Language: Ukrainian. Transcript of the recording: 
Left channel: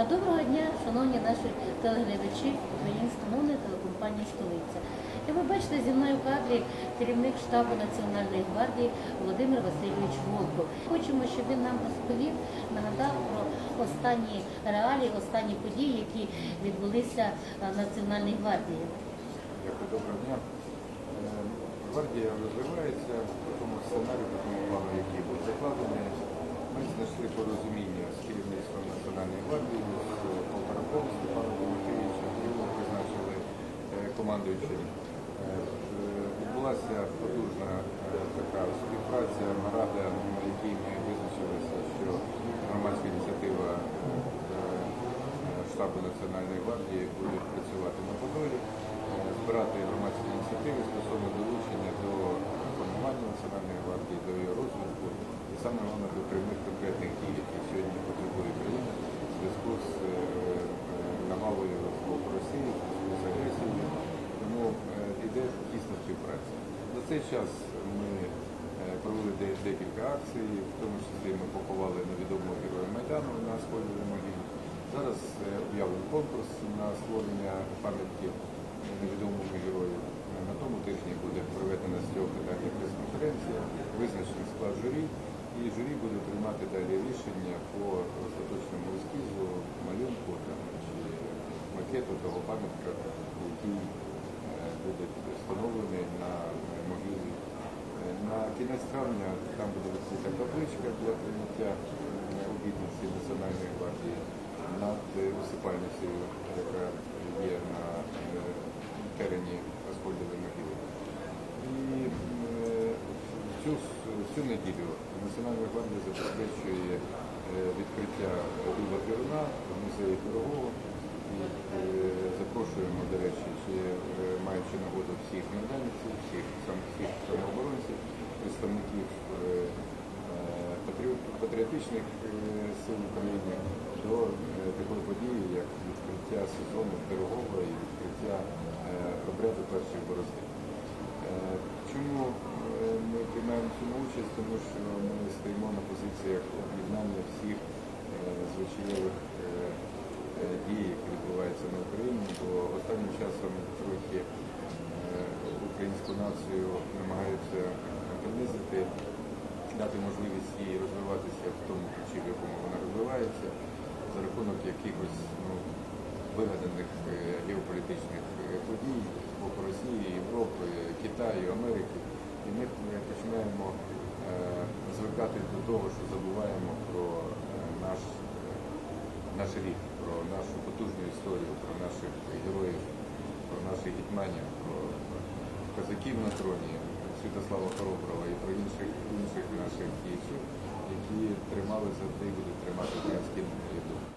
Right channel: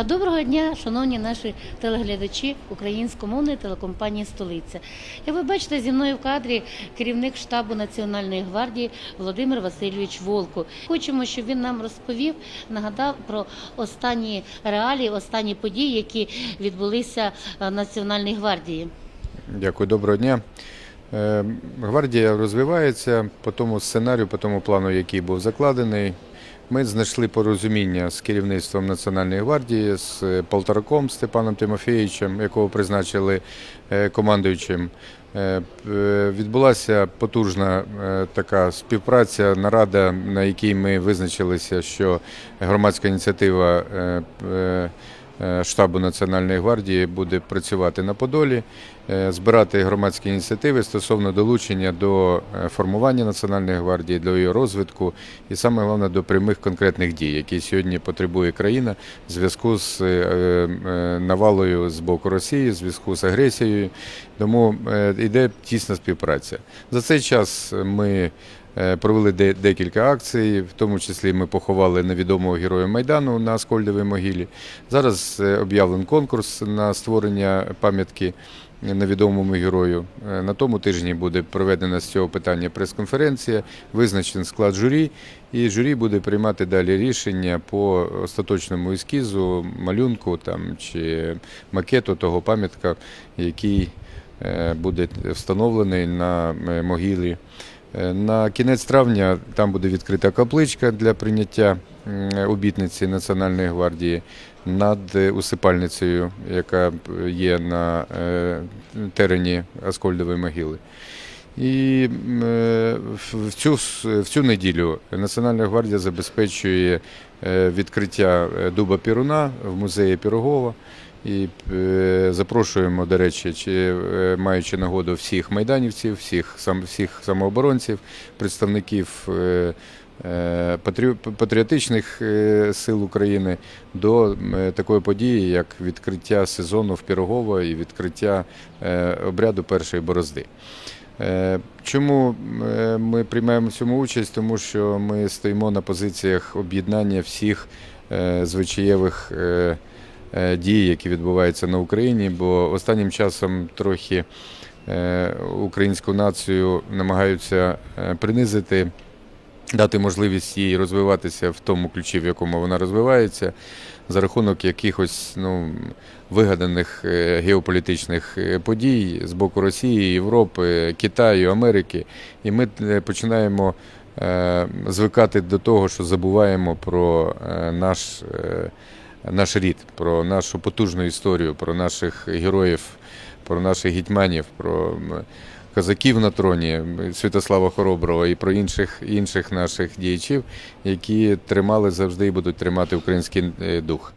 Доброго дня, шановні наші телеглядачі українськомовної телекомпанії Столиця. Як ви бачите, зі мною в кадрі керівник штабу Національної гвардії Володимир Васильович Волков. Хочемо, щоб він нам розповів, нагадав про останні реалії, останні події, які відбулися е, в Національній гвардії. Дякую, доброго дня. Е, Гвардія розвивається по тому сценарію, по тому плану, який був закладений. Ми знайшли порозуміння з керівництвом Національної гвардії, з Полтораком Степаном Тимофєвичем, якого призначили е, командуючим. Е, е, Відбулася потужна е, така співпраця, нарада, на якій ми визначилися, що громадська ініціатива е, е, е, штабу Національної гвардії буде працювати на Подолі, е, збирати громадські ініціативи стосовно долучення до е, формування Національної гвардії, до її розвитку і саме головне до прямих конкретних дій, які сьогодні потребує країна в зв'язку з е, е, навалою з боку Росії, в зв'язку з агресією. Тому е, йде тісна співпраця. За цей час ми Е, Провели декілька акцій, в тому числі ми поховали невідомого героя Майдану на Аскольдовій могилі. Зараз е, об'явлений конкурс на створення пам'ятки невідомому герою. Е, На тому тижні буде проведена з цього питання прес-конференція, визначений склад журі, і журі буде приймати далі рішення по остаточному ескізу, малюнку там, чи макету того пам'ятка, який е, буде встановлений на е, могилі. Е, На кінець травня там буде відкрита капличка для прийняття обітниці Національної гвардії над е, усипальницею, яка є на е, терені Аскольдової могили. І в- цю, в цю неділю Національна гвардія забезпечує відкриття дуба Піруна в музеї Пірогова. І е, запрошуємо, до речі, чи е, маючи нагоду всіх майданівців, всіх сам всіх самооборонців, представників е, патріотичних сил України до такої події, як відкриття сезону в Пірогово і відкриття обряду першої борозди. Чому ми приймаємо в цьому участь? Тому що ми стоїмо на позиціях об'єднання всіх звичаєвих е, е, які відбуваються на Україні, бо останнім часом трохи е, українську націю намагаються е, принизити, дати можливість їй розвиватися в тому ключі, в якому вона розвивається, за рахунок якихось ну, вигаданих геополітичних подій з боку Росії, Європи, Китаю, Америки. І ми починаємо звикати до того, що забуваємо про наш. Наш рід, про нашу потужну історію, про наших героїв, про наших гетьманів, про козаків на троні Святослава Хороброго і про інших інших наших діячів, які тримали завжди і будуть тримати український е, дух.